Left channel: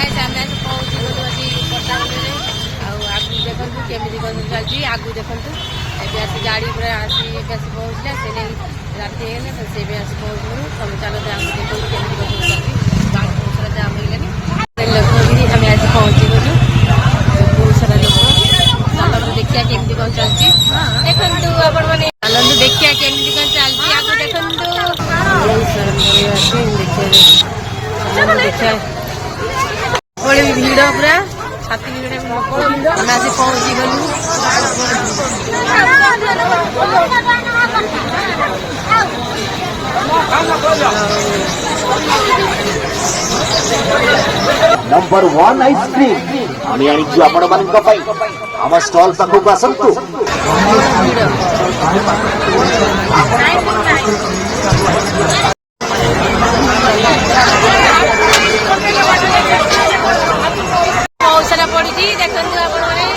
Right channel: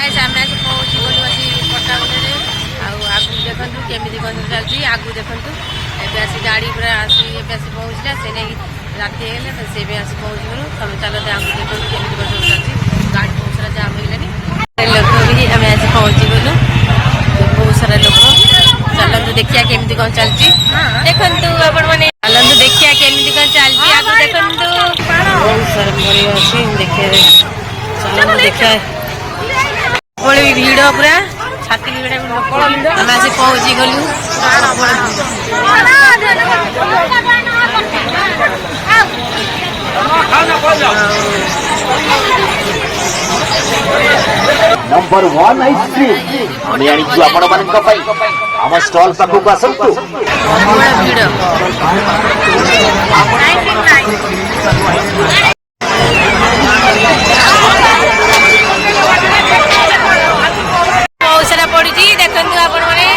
guys आम आज पहुँची गलु आसी पट्टामुंडे आगु देखु केमी कौन सब चलती आगु देखु एवं आसी गाड़ी पूरा आसी पहुँचला से नहीं राति है तो से भी आसी पहुँच गलु तुम चलो आगु देखु केमी कौन सब चलती गाड़ी बहुत सारा जाम हो लोक भी आम आज पहुँची गलु बहुत सारा लोक चलतु देखिया केमी कौन चलती देखु आपण मैंने चलतु देखिया केमी कौन चलती आगु देखु बहुत सारा परिवार अच्छी देखिए चलतु देखिए बड़े भी भीड़ पूरा छाती भीड़ आम आज पहुँची गलु नंबर 1 आइसक्रीम आम आनी आपण मान स्टॉल पाखक आसतु भीड़ बहुत सारा पड़ी देखु आपण मैंने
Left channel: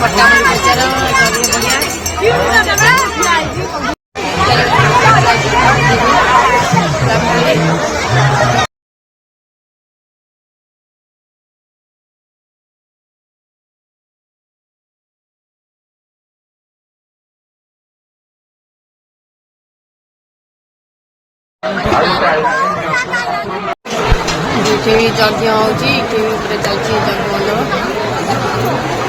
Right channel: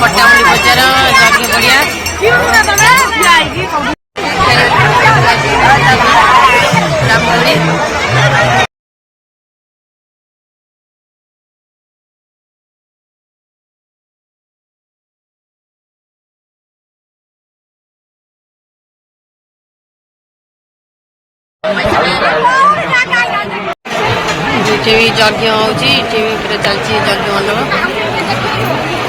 पट्टामुंडी बजार जगह बढ़िया इटे भी यज्ञ होती चलती यज्ञ मंडप